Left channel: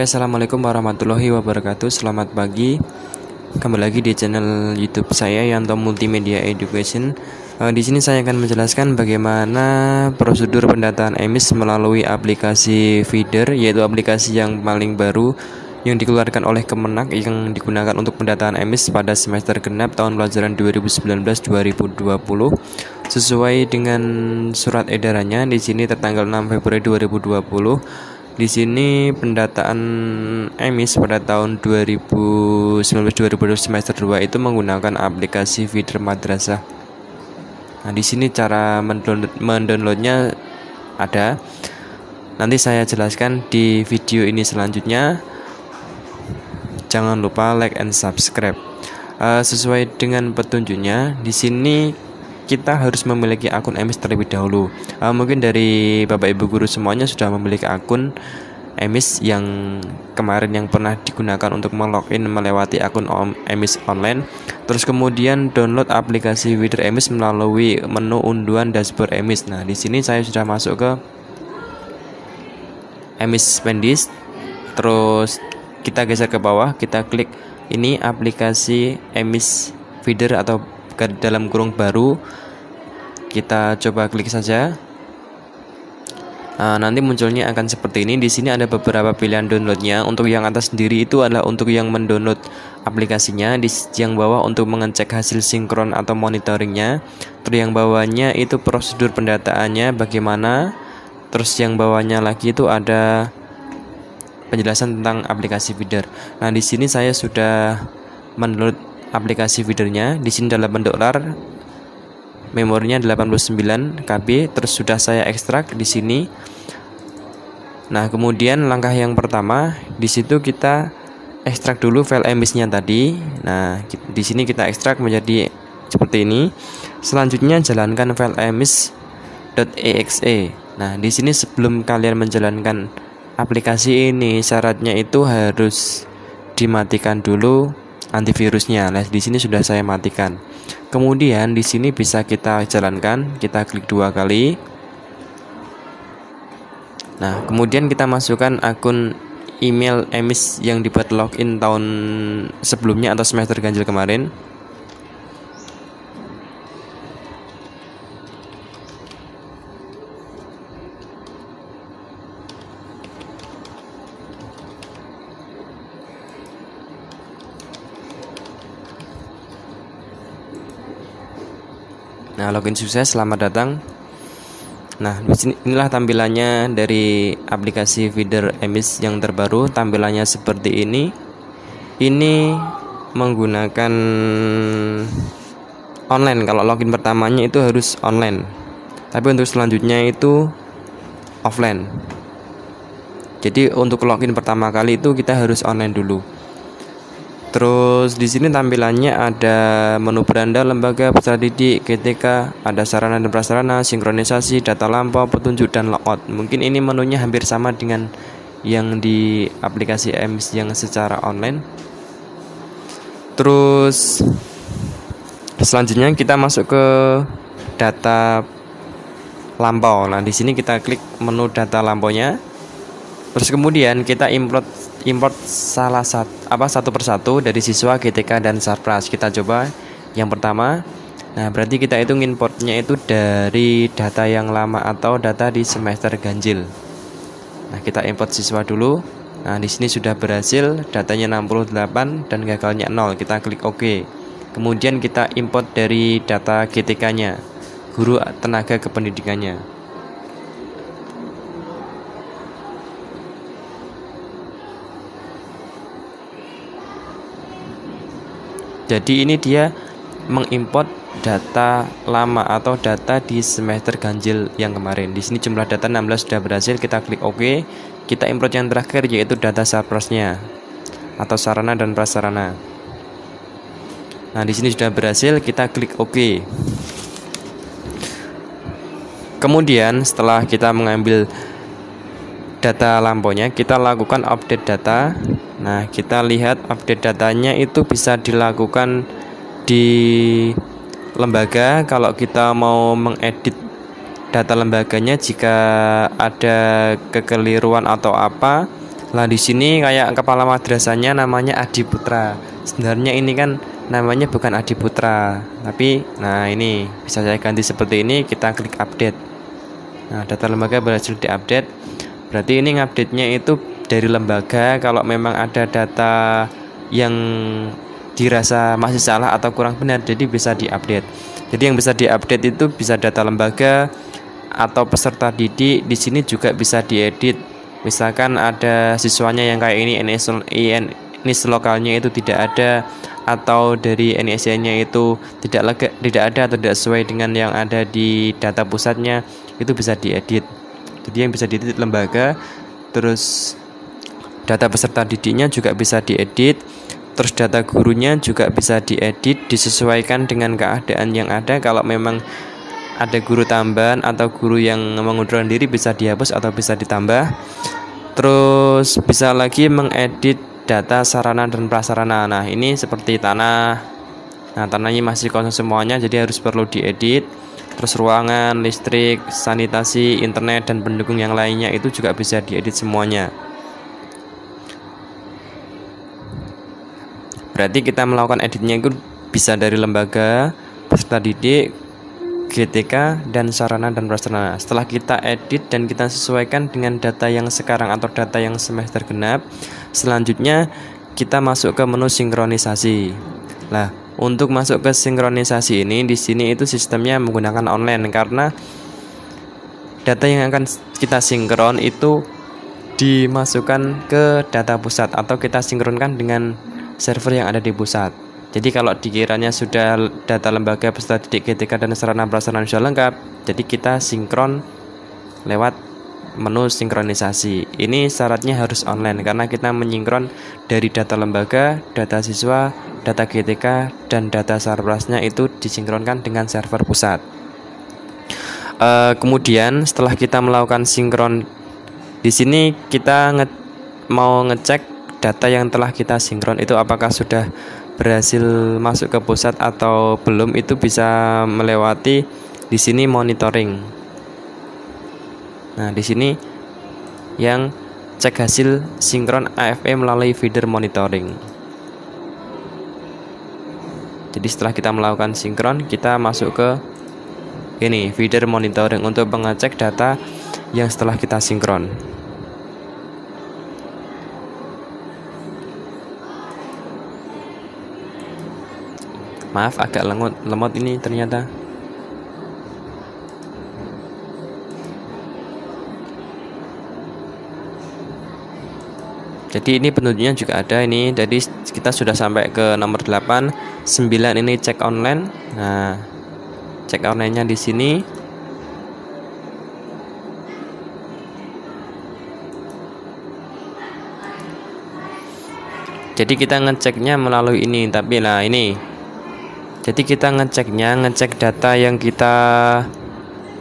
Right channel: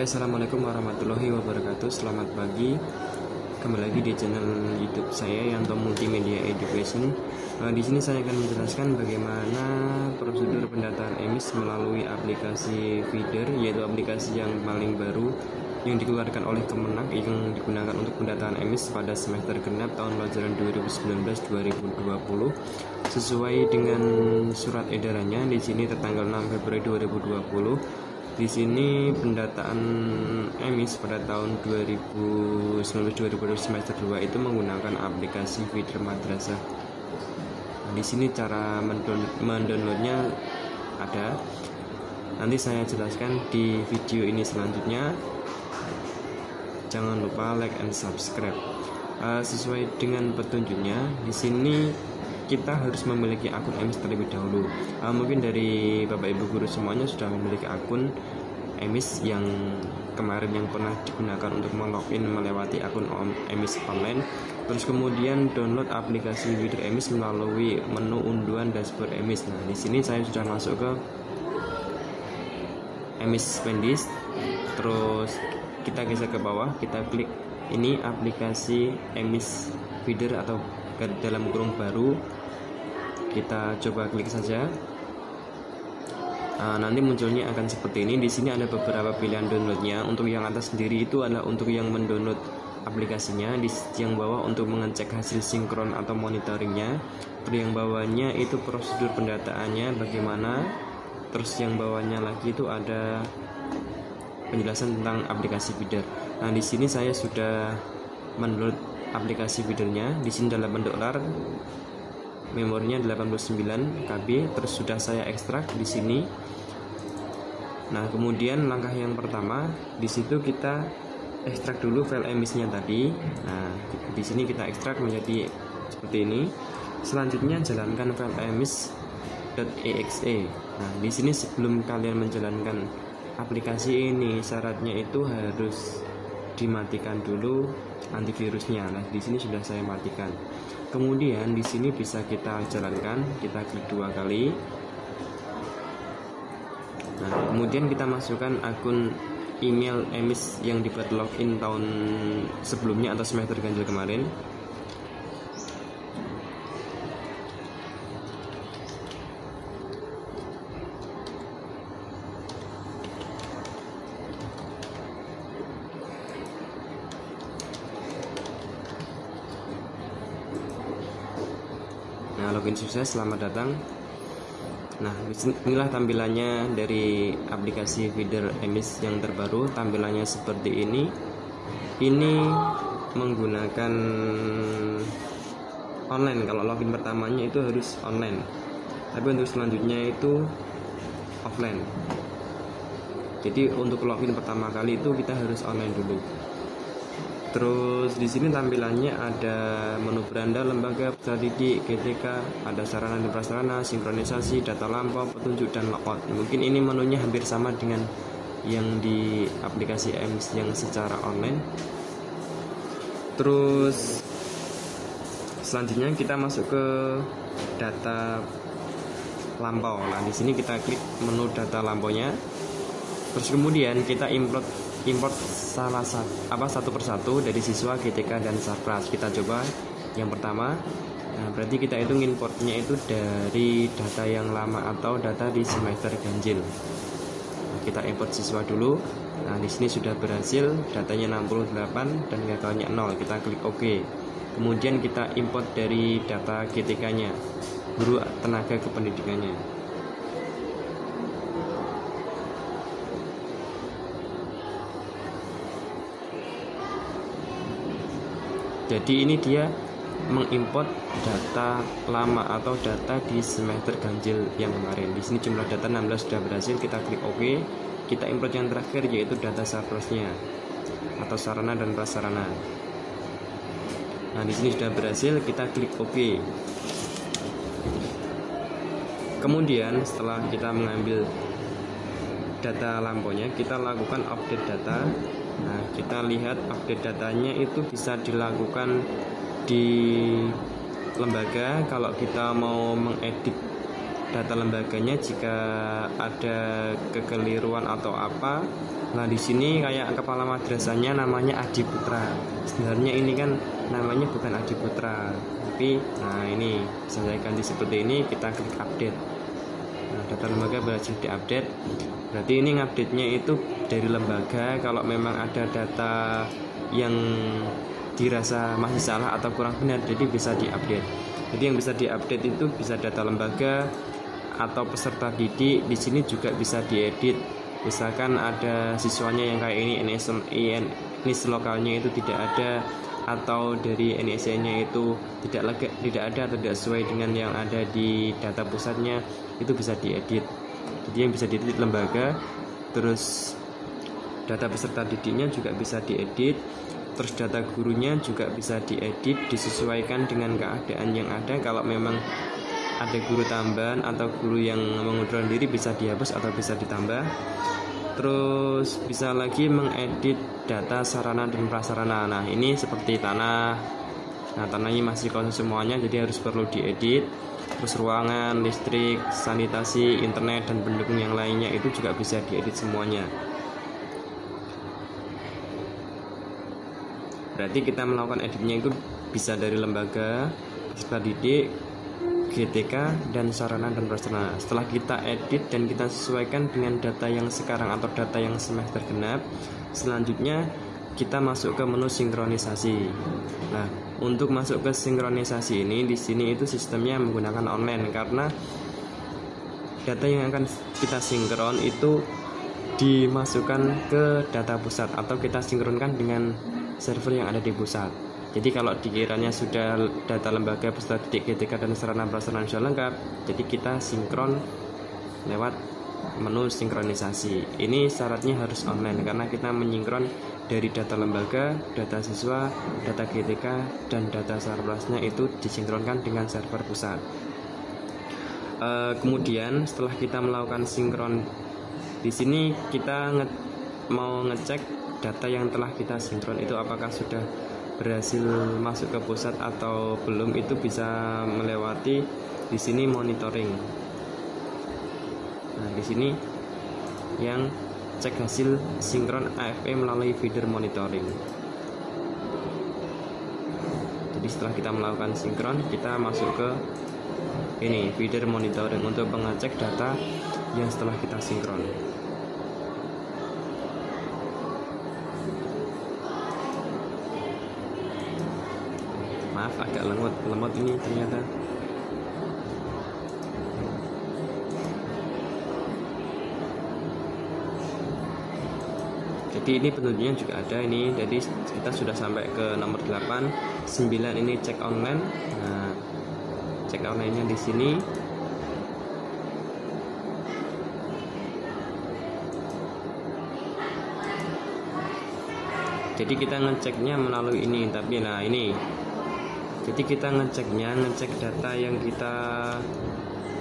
Oke, assalamualaikum warahmatullahi wabarakatuh. Selamat pagi. Kembali lagi di channel YouTube saya Yanto Multimedia Education. Di sini saya akan menjelaskan bagaimana prosedur pendataan emis melalui aplikasi Feeder, yaitu aplikasi yang paling baru yang dikeluarkan oleh Kemenak yang digunakan untuk pendataan emis pada semester genap tahun pelajaran 2019-2020 sesuai dengan surat edarannya di sini tertanggal 6 Februari 2020. Di sini pendataan emis pada tahun 2019-2020 semester 2 itu menggunakan aplikasi Feeder Madrasah. Nah, di sini cara mendownloadnya ada. Nanti saya jelaskan di video ini selanjutnya. Jangan lupa like and subscribe. Sesuai dengan petunjuknya, di sini kita harus memiliki akun emis terlebih dahulu. Mungkin dari Bapak Ibu guru semuanya sudah memiliki akun emis yang kemarin yang pernah digunakan untuk melogin melewati akun emis online. Terus kemudian download aplikasi Feeder emis melalui menu unduhan dashboard emis. Nah, di sini saya sudah masuk ke emis Pendis. Terus kita geser ke bawah, kita klik ini aplikasi emis Feeder atau dalam kurung baru, kita coba klik saja. Nanti munculnya akan seperti ini. Di sini ada beberapa pilihan downloadnya. Untuk yang atas sendiri itu adalah untuk yang mendownload aplikasinya. Di yang bawah untuk mengecek hasil sinkron atau monitoringnya. Terus yang bawahnya itu prosedur pendataannya bagaimana. Terus yang bawahnya lagi itu ada penjelasan tentang aplikasi Feeder. Nah, di sini saya sudah mendownload aplikasi Feedernya. Di sini dalam bentuk RAR, memorinya 89 KB. Terus sudah saya ekstrak di sini. Nah, kemudian langkah yang pertama, di situ kita ekstrak dulu file emisnya tadi. Nah, di sini kita ekstrak menjadi seperti ini. Selanjutnya jalankan file emis.exe. Nah, di sini sebelum kalian menjalankan aplikasi ini, syaratnya itu harus dimatikan dulu antivirusnya. Nah, di sini sudah saya matikan. Kemudian di sini bisa kita jalankan, kita klik 2 kali. Nah, kemudian kita masukkan akun email emis yang dibuat login tahun sebelumnya atau semester ganjil kemarin. Nah, login sukses, selamat datang. Nah, inilah tampilannya dari aplikasi Feeder emis yang terbaru. Tampilannya seperti ini. Ini menggunakan online. Kalau login pertamanya itu harus online. Tapi untuk selanjutnya itu offline. Jadi untuk login pertama kali itu kita harus online dulu. Terus di sini tampilannya ada menu beranda, lembaga, peserta didik, GTK, ada sarana dan prasarana, sinkronisasi, data lampau, petunjuk dan logout. Mungkin ini menunya hampir sama dengan yang di aplikasi emis yang secara online. Terus selanjutnya kita masuk ke data lampau. Nah, di sini kita klik menu data lampaunya. Terus kemudian kita import satu persatu dari siswa, GTK dan Sarpras. Kita coba yang pertama. Nah, berarti kita itu importnya itu dari data yang lama atau data di semester ganjil. Nah, kita import siswa dulu. Nah, di sini sudah berhasil, datanya 68 dan gagalnya 0. Kita klik OK. Kemudian kita import dari data GTK-nya, guru tenaga kependidikannya. Jadi ini dia mengimport data lama atau data di semester ganjil yang kemarin. Di sini jumlah data 16 sudah berhasil, kita klik OK. Kita import yang terakhir yaitu data Sarprasnya atau sarana dan prasarana. Nah, di sini sudah berhasil, kita klik OK. Kemudian setelah kita mengambil data lampaunya, kita lakukan update data. Nah, kita lihat update datanya itu bisa dilakukan di lembaga. Kalau kita mau mengedit data lembaganya, jika ada kekeliruan atau apa, Lah di sini kayak kepala madrasahnya namanya Adi Putra. Sebenarnya ini kan namanya bukan Adi Putra, tapi nah ini bisa saya ganti seperti ini, kita klik update. Nah, data lembaga berhasil diupdate. Berarti ini ngupdate-nya itu dari lembaga. Kalau memang ada data yang dirasa masih salah atau kurang benar, jadi bisa diupdate. Jadi yang bisa diupdate itu bisa data lembaga atau peserta didik. Di sini juga bisa diedit. Misalkan ada siswanya yang kayak ini, NIS lokalnya itu tidak ada, atau dari NIS-nya itu tidak ada atau tidak sesuai dengan yang ada di data pusatnya, itu bisa diedit. Jadi yang bisa diedit lembaga, terus data peserta didiknya juga bisa diedit, terus data gurunya juga bisa diedit, disesuaikan dengan keadaan yang ada. Kalau memang ada guru tambahan atau guru yang mengundurkan diri, bisa dihapus atau bisa ditambah. Terus bisa lagi mengedit data sarana dan prasarana. Nah ini seperti tanah. Nah tanahnya masih kosong semuanya, jadi harus perlu diedit. Terus ruangan, listrik, sanitasi, internet, dan pendukung yang lainnya itu juga bisa diedit semuanya. Berarti kita melakukan editnya itu bisa dari lembaga, peserta didik, GTK, dan sarana dan prasarana. Setelah kita edit dan kita sesuaikan dengan data yang sekarang atau data yang semester genap, selanjutnya kita masuk ke menu sinkronisasi. Nah, untuk masuk ke sinkronisasi ini, di sini itu sistemnya menggunakan online, karena data yang akan kita sinkron itu dimasukkan ke data pusat atau kita sinkronkan dengan server yang ada di pusat. Jadi kalau dikiranya sudah data lembaga, peserta didik, GTK, dan sarana prasarana sudah lengkap, jadi kita sinkron lewat menu sinkronisasi. Ini syaratnya harus online karena kita menyinkron dari data lembaga, data siswa, data GTK, dan data sarprasnya itu disinkronkan dengan server pusat. Kemudian setelah kita melakukan sinkron, di sini kita mau ngecek data yang telah kita sinkron itu apakah sudah berhasil masuk ke pusat atau belum. Itu bisa melewati di sini monitoring. Nah, di sini yang cek hasil sinkron AFP melalui feeder monitoring. Jadi setelah kita melakukan sinkron, kita masuk ke ini feeder monitoring untuk mengecek data yang setelah kita sinkron. Maaf agak lemot ini ternyata. Jadi ini petunjuknya juga ada ini. Jadi kita sudah sampai ke nomor 8, 9 ini cek online. Nah, cek online-nya di sini. Jadi kita ngeceknya melalui ini, tapi lah ini. Jadi kita ngecek data yang kita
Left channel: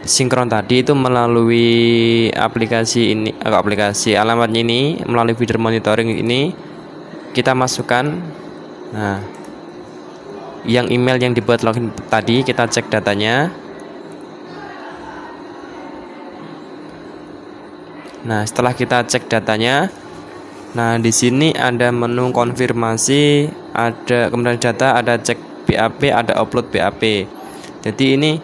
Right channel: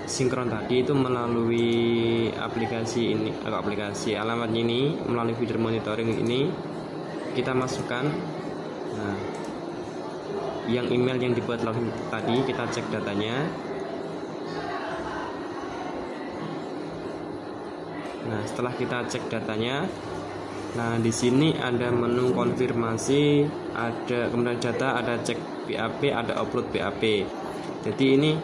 sinkron tadi itu melalui aplikasi ini, aplikasi alamatnya ini, melalui feeder monitoring ini kita masukkan. Nah, yang email yang dibuat login tadi kita cek datanya. Nah, setelah kita cek datanya, nah di sini ada menu konfirmasi, ada kemudian data, ada cek BAP, ada upload BAP. Jadi ini,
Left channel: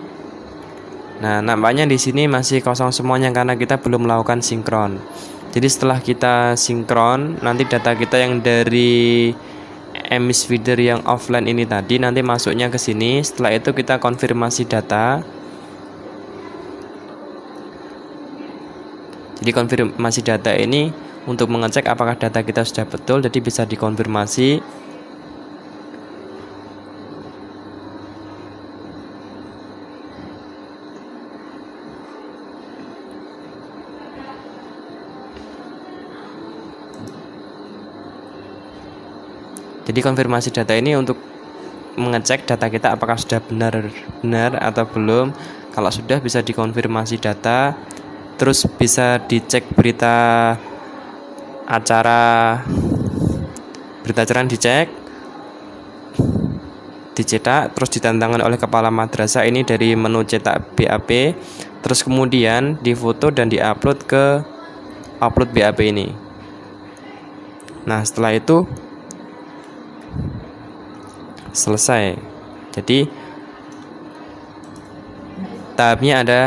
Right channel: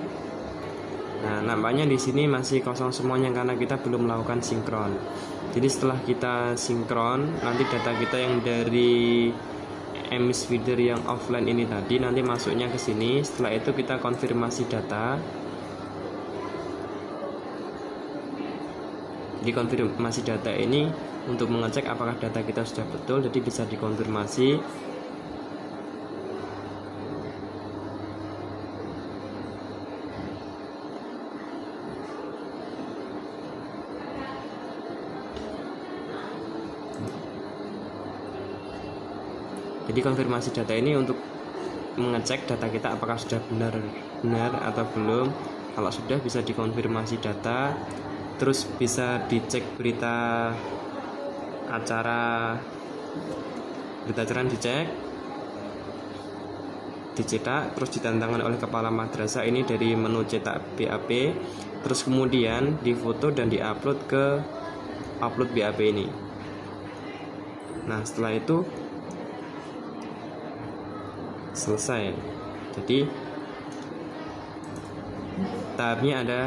nah nampaknya di sini masih kosong semuanya karena kita belum melakukan sinkron. Jadi setelah kita sinkron, nanti data kita yang dari emis feeder yang offline ini tadi nanti masuknya ke sini. Setelah itu kita konfirmasi data. Jadi konfirmasi data ini untuk mengecek apakah data kita sudah betul, jadi bisa dikonfirmasi. Jadi konfirmasi data ini untuk mengecek data kita apakah sudah benar atau belum. Kalau sudah, bisa dikonfirmasi data. Terus bisa dicek berita acara dicek, dicetak, terus ditantangkan oleh kepala madrasah ini dari menu cetak BAP. Terus kemudian difoto dan diupload ke upload BAP ini. Nah, setelah itu selesai. Jadi tahapnya ada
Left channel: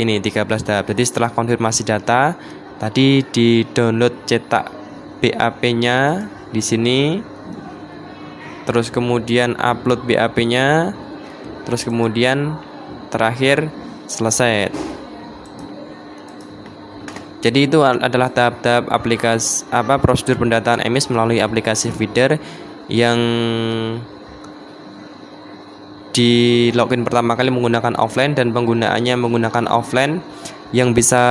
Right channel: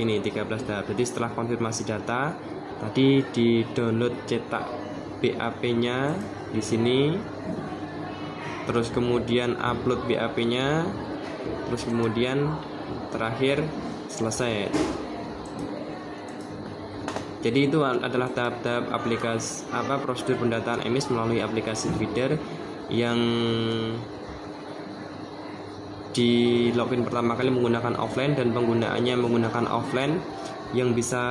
ini 13 tahap. Jadi setelah konfirmasi data, tadi di download cetak BAP-nya di sini, terus kemudian upload BAP-nya, terus kemudian terakhir selesai. Jadi itu adalah tahap-tahap prosedur pendataan emis melalui aplikasi feeder yang di login pertama kali menggunakan offline dan penggunaannya menggunakan offline. Yang bisa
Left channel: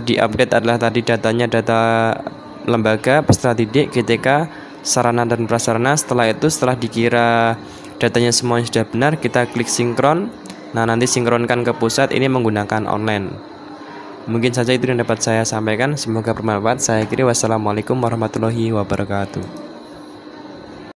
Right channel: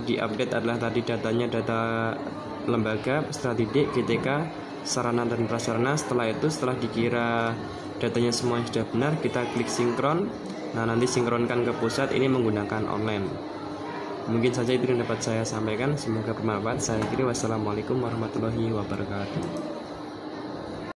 diupdate adalah tadi datanya data lembaga, peserta didik, GTK, sarana dan prasarana. Setelah itu, setelah dikira datanya semuanya sudah benar, kita klik sinkron. Nah, nanti sinkronkan ke pusat, ini menggunakan online. Mungkin saja itu yang dapat saya sampaikan, semoga bermanfaat. Saya kira wassalamualaikum warahmatullahi wabarakatuh.